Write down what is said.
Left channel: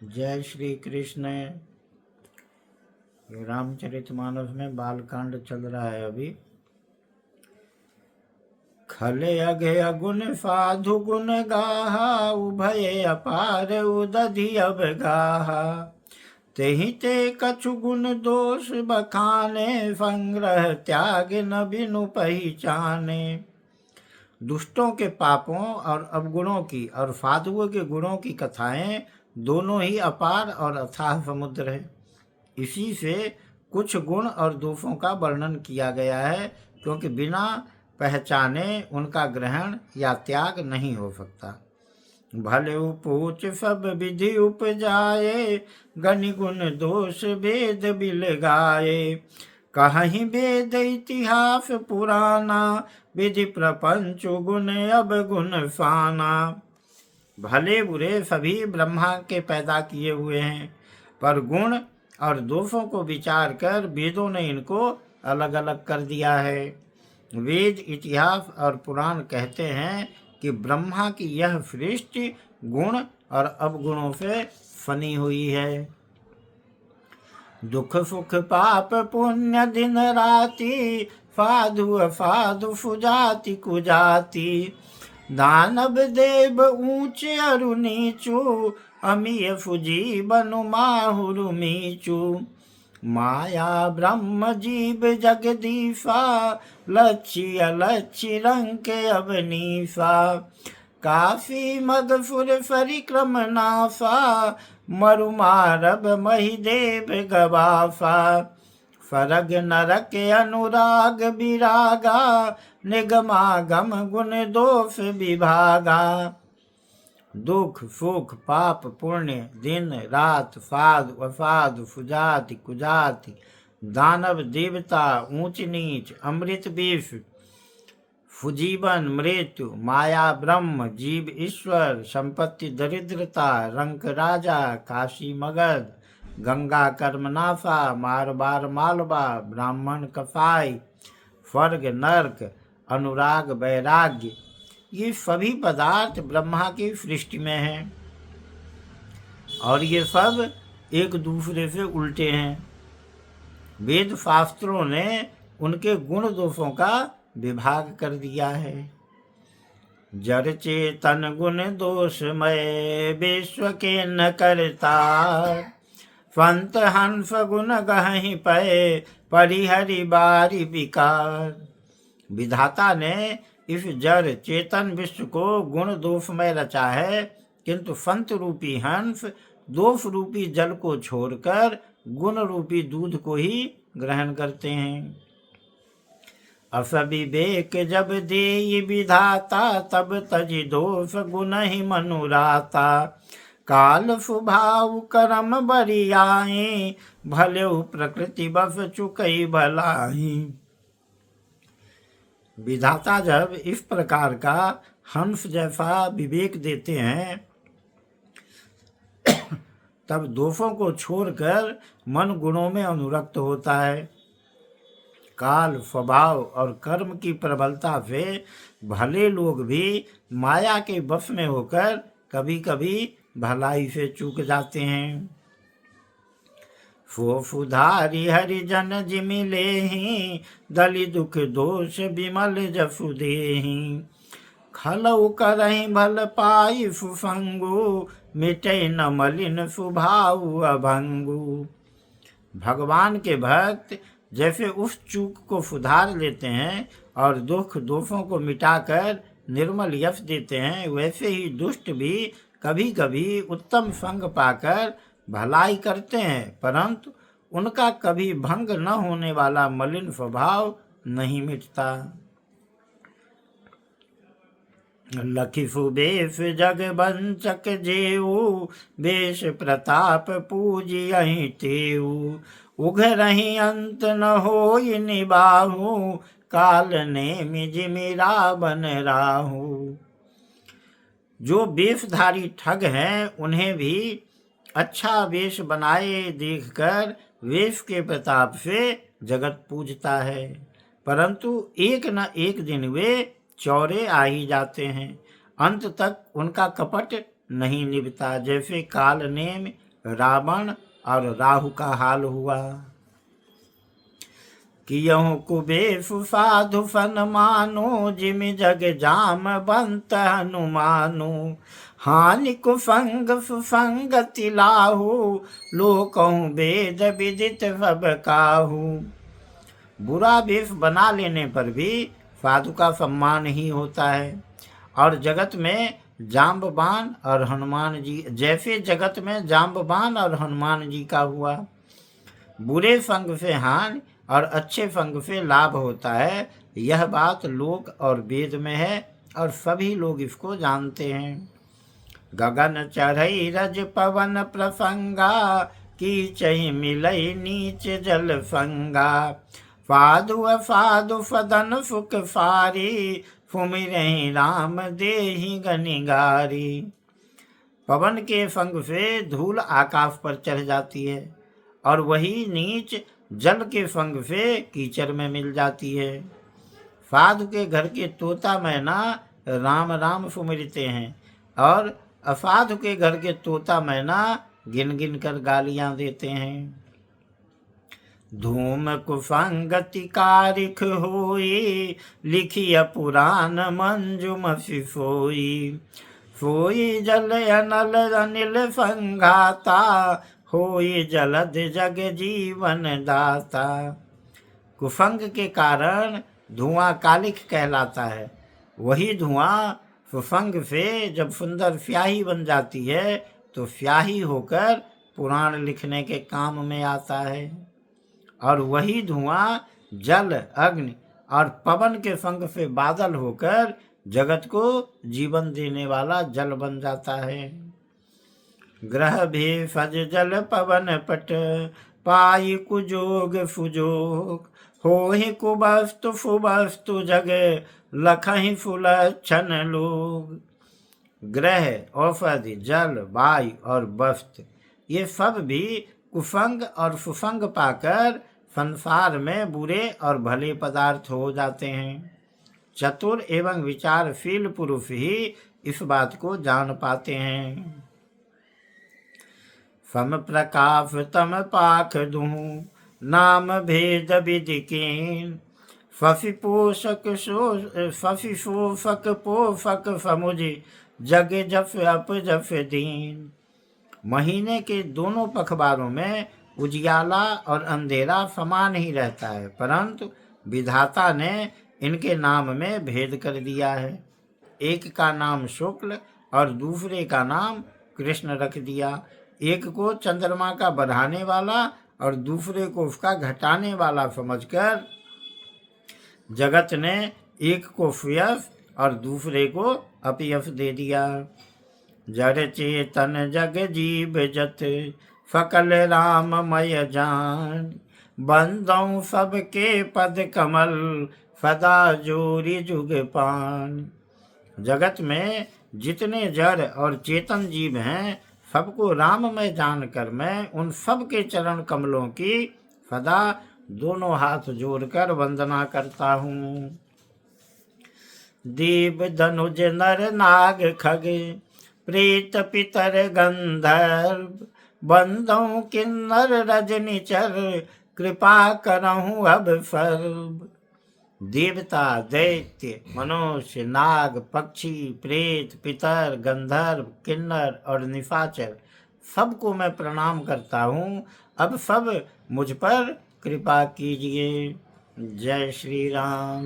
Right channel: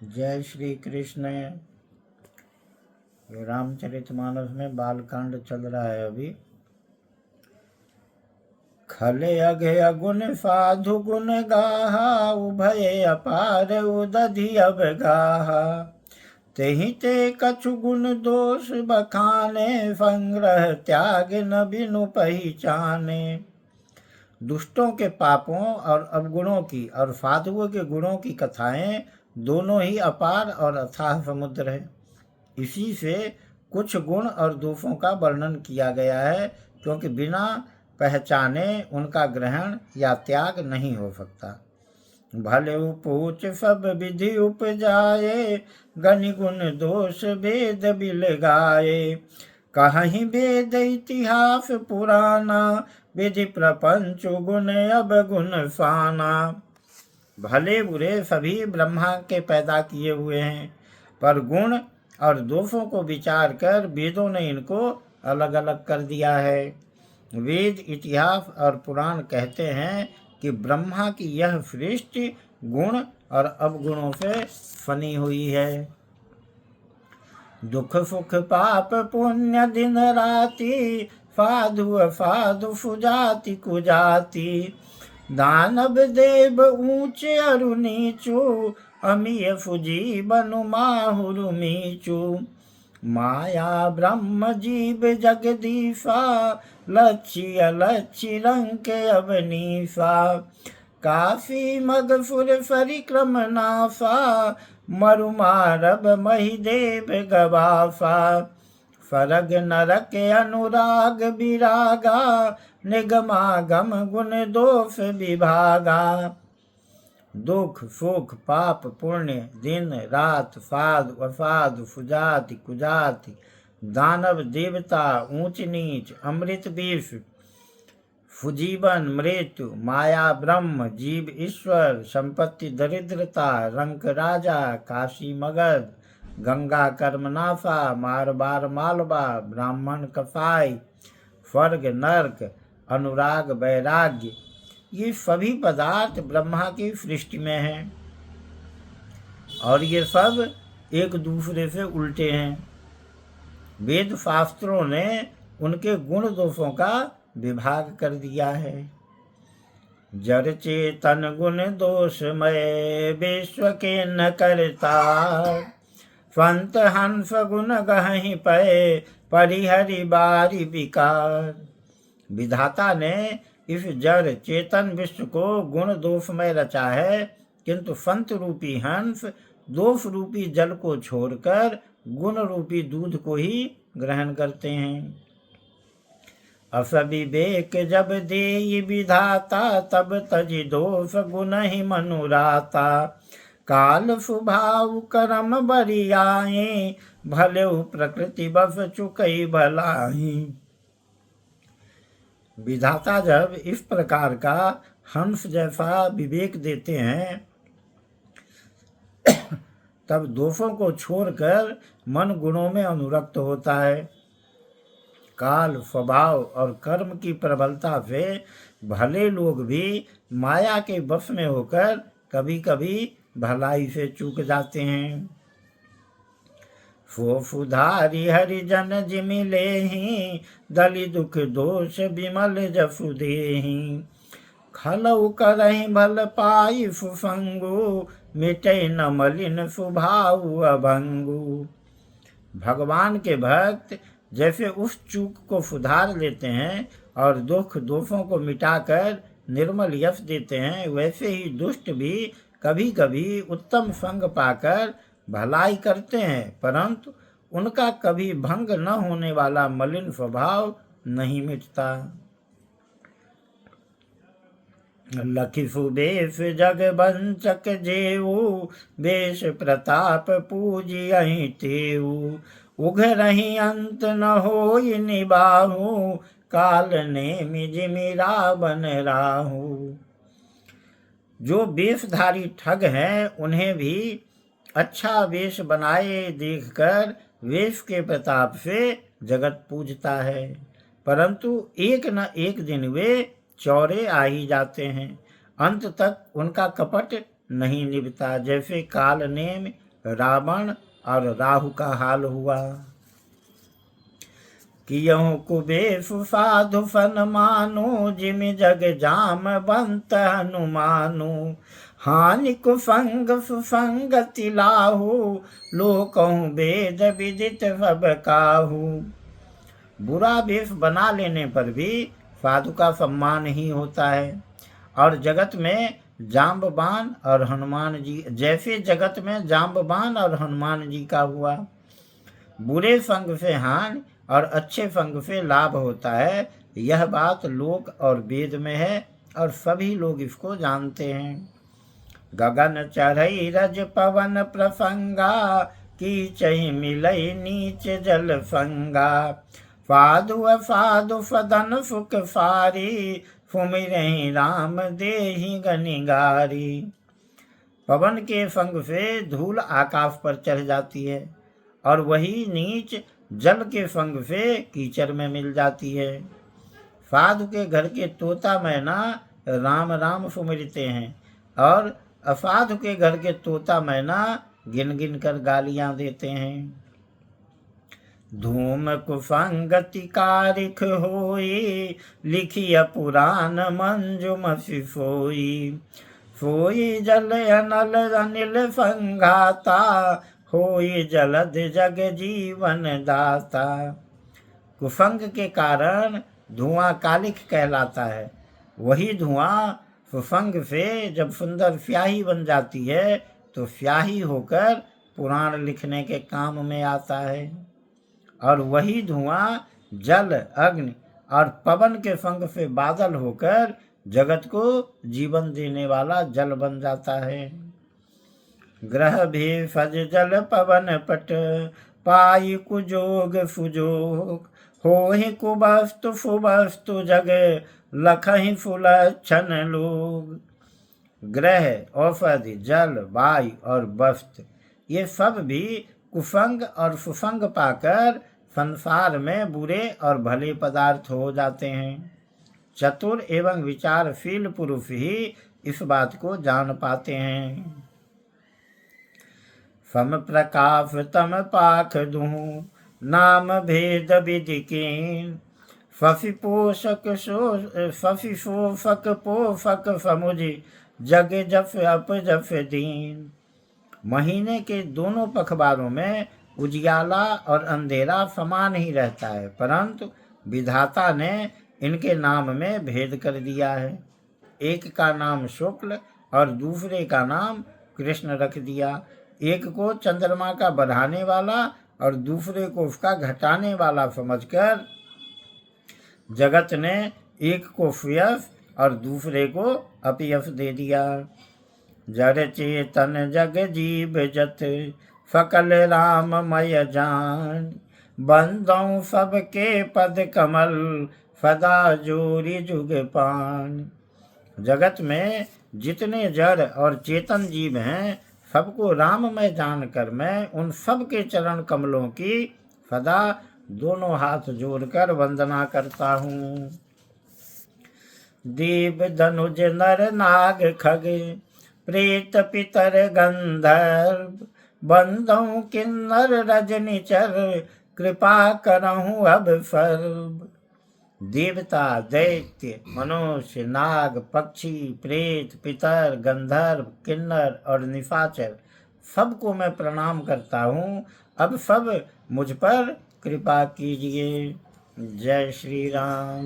जय श्री कृष्ण। रामचरितमानस में बालकांड चल रहा है अभी। खले अगे अगुन साधु गुण गाहा, उभय अपार उदधि अब गाहा। तेहि ते कछु गुण दोष बखाने, संग्रह त्याग न बिनु पहचाने। दुष्टों के पापों और अवगुणों की और साधुओं के गुणों की कथाएं दोनों ही अपार और अथाह समुद्र है। इसी से कुछ गुण और दोषों का वर्णन किया गया है, क्योंकि बिना पहचाने उनका ग्रहण या त्याग नहीं हो सकता। भले उपऊच सब विधि उपजाए, गनि गुण दोष वेद बिल गाए। कहीं वेद इतिहास पुराना, विधि प्रपंच गुण अब गुण फाना। भले बुरे सभी ब्रह्मा के पैदा किए हुए हैं, पर गुण और दोषों को विचार कर वेदों ने इनको अलग अलग कर दिया है। वेद, इतिहास और पुराण कहते हैं कि ब्रह्मा की यह सृष्टि गुण और अवगुणों से फनी हुई है। दुख सुख पाप पुण्य दिन राति, साधु असाधु सुजाति कुजाति। दानव देव ऊंच अरु नीचु, अमीय सुजीवन माहुरु मीचु। माया ब्रह्म जीव जगदीशा, लक्ष्य अलक्ष्य रंग अवनीशा। काशी मदसुर परिक्रम नासा, मरु मारब महिदेव गवासा। स्वर्ग नरक अनुराग विरागा, निगमागम गुण दोष विभागा। दुख सुख पाप पुण्य दिन रात, साधु असाधु सुजाति कुजाति। दानव देवता ऊंच नीच, अमृत विष, सुजीवन मृत्यु, माया ब्रह्म जीव ईश्वर, संपत्ति दरिद्रता, रंक राजा, काशी मगध, गंगा कर्मनाशा, मारबार मालवा, ब्राह्मण कसाई, स्वर्ग नरक, अनुराग वैराग्य। ये सभी पदार्थ ब्रह्मा की सृष्टि में हैं और ये सब एक दूसरे से उल्टे हैं। वेद शास्त्रों ने उनके गुण दोषों का विभाग कर दिया है। जड़ चेतन गुण दोषमय, विश्व के न करता। स्वंत हंस गुण गहि पय, परिहरि बारी विकार। विधाता ने इस जड़ चेतन विश्व को गुण दोषमय रचा है, किंतु संत रूपी हंस दोष रूपी जल को छोड़कर गुण रूपी दूध को ही ग्रहण करते हैं। अस विवेक जब देई विधाता, तब तजि दोष गुण ही मनुराता। काल स्वभाव कर्म बरियाए, भले प्रकृति बस चुकई भलाई। विधाता जब इस प्रकार का हंस जैसा विवेक देते हैं, तब दोषों को छोड़कर मन गुणों में अनुरक्त होता है। काल स्वभाव और कर्म की प्रबलता से भले लोग भी माया के वश में होकर कभी कभी भलाई से चूक जाते हैं। सो सुधारी हरिजन जिमि लेहि, दलि दुख दोष विमल जसु देहि। खलउ करहि भल पाई सुसंगु, मिटै न मलिन स्वभाव अभंगु। भगवान के भक्त जैसे उस चूक को सुधार लेते हैं और दुख दोषों को मिटाकर निर्मल यश देते हैं, वैसे ही दुष्ट भी कभी कभी उत्तम संग पाकर भलाई करते हैं, परंतु उनका कभी भंग न होने वाला मलिन स्वभाव नहीं मिटता। लखि सुबेश जग बंचक जेऊ, देश प्रताप पूजियहि तेऊ। उघरहि अंत न होई निबाहु, काल नेमि जिमि रावण राहु। जो वेशधारी ठग हैं, उन्हें भी अच्छा वेश बनाए देखकर वेश के प्रताप से जगत पूजता है, परंतु एक न एक दिन वे चौरे आ ही जाते हैं। अंत तक उनका कपट नहीं निभता। जैसे काल नेम रावण और राहु का हाल हुआ। कियहु कुबेश साधु सन मानो, जिमि जग जाम बंत हनुमानो। हानि कुसंग सुसंगति लाहु, लोकहु वेद विदित सब काहू। बुरा वेश बना लेने पर भी साधु का सम्मान ही होता है। और जगत में जाम्बवान और हनुमान जी, जैसे जगत में जाम्बवान और हनुमान जी का हुआ। बुरे संग से हानि और अच्छे संग से लाभ होता है, यह बात लोक और वेद में है और सभी लोग इसको जानते हैं। गगन चढ़ई रज पवन प्रसंगा, कीचहि मिलई नीच जल संगा। साधु असाधु सदन सुख सारी, सुमिरहि राम देहि गनिगारी। पवन के संग से धूल आकाश पर चढ़ जाती है और वही नीच जल के संग से कीचड़ में मिल जाती है। साधु के घर के तोता मैना राम राम सुमिरते हैं और असाधु के घर के तोता मैना गिन गिन कर गालियां देते हैं। धूम कुसंगति कारिख होई, लिखिय पुराण मंजुमति सोई। सोई जल अनल अनिल संघाता, होई जलद जग जीवन दाता। कुसंग के कारण धुआं कालिख कहलाता है। वही धुआं सुसंग से जब सुंदर स्याही बन जाती है तो स्याही होकर पुराण लिखने के काम में आता है। और वही धुआं जल अग्नि और पवन के संग से बादल होकर जगत को जीवन देने वाला जल बन जाता है। ग्रह भेषज जल पवन पट, पाई कुजोग सुजोग। होहि कुवस्तु सुवस्तु जग, लखहि सुलक्षण लोग। ग्रह, औषधि, जल, वायु और वस्तु, ये सब भी कुसंग और सुसंग पाकर संसार में बुरे और भले पदार्थ हो जाते हैं। चतुर एवं विचारशील पुरुष ही इस बात को जान पाते हैं। सम प्रकाश तम पाख दूँ, नाम भेद विधि कीन। फफि शोषक पोषक समुझ, जग जफ अप जफ दीन। महीने के दोनों पखवारों में उजियाला और अंधेरा समान ही रहता है, परंतु विधाता ने इनके नाम में भेद कर दिया है। एक का नाम शुक्ल और दूसरे का नाम कृष्ण रख दिया। एक को चंद्रमा का बढ़ाने वाला और दूसरे को उसका घटाने वाला समझकर जगत ने एक को सुयश और दूसरे को अपयश दे दिया। जड़ चेतन जग जीव जत, सकल राममय जान। बंदौ सबके पद कमल, सदा जोरी जुग पान। जगत में जितने जड़ और चेतन जीव हैं, सबको राममय जानकर मैं उन सब के चरण कमलों की सदा दोनों हाथ जोड़कर वंदना करता हूँ। देव धनुज नर नाग खग, प्रेत पितर गंधर्व। बंदौ किन्नर रजनिचर, कृपा करहूँ अब सर्व। देवता, दैत्य, मनुष्य, नाग, पक्षी, प्रेत, पितर, गंधर्व, किन्नर और निशाचर सबको मैं प्रणाम करता हूँ। अब सब मुझ पर कृपा कीजिए। जय श्री राम।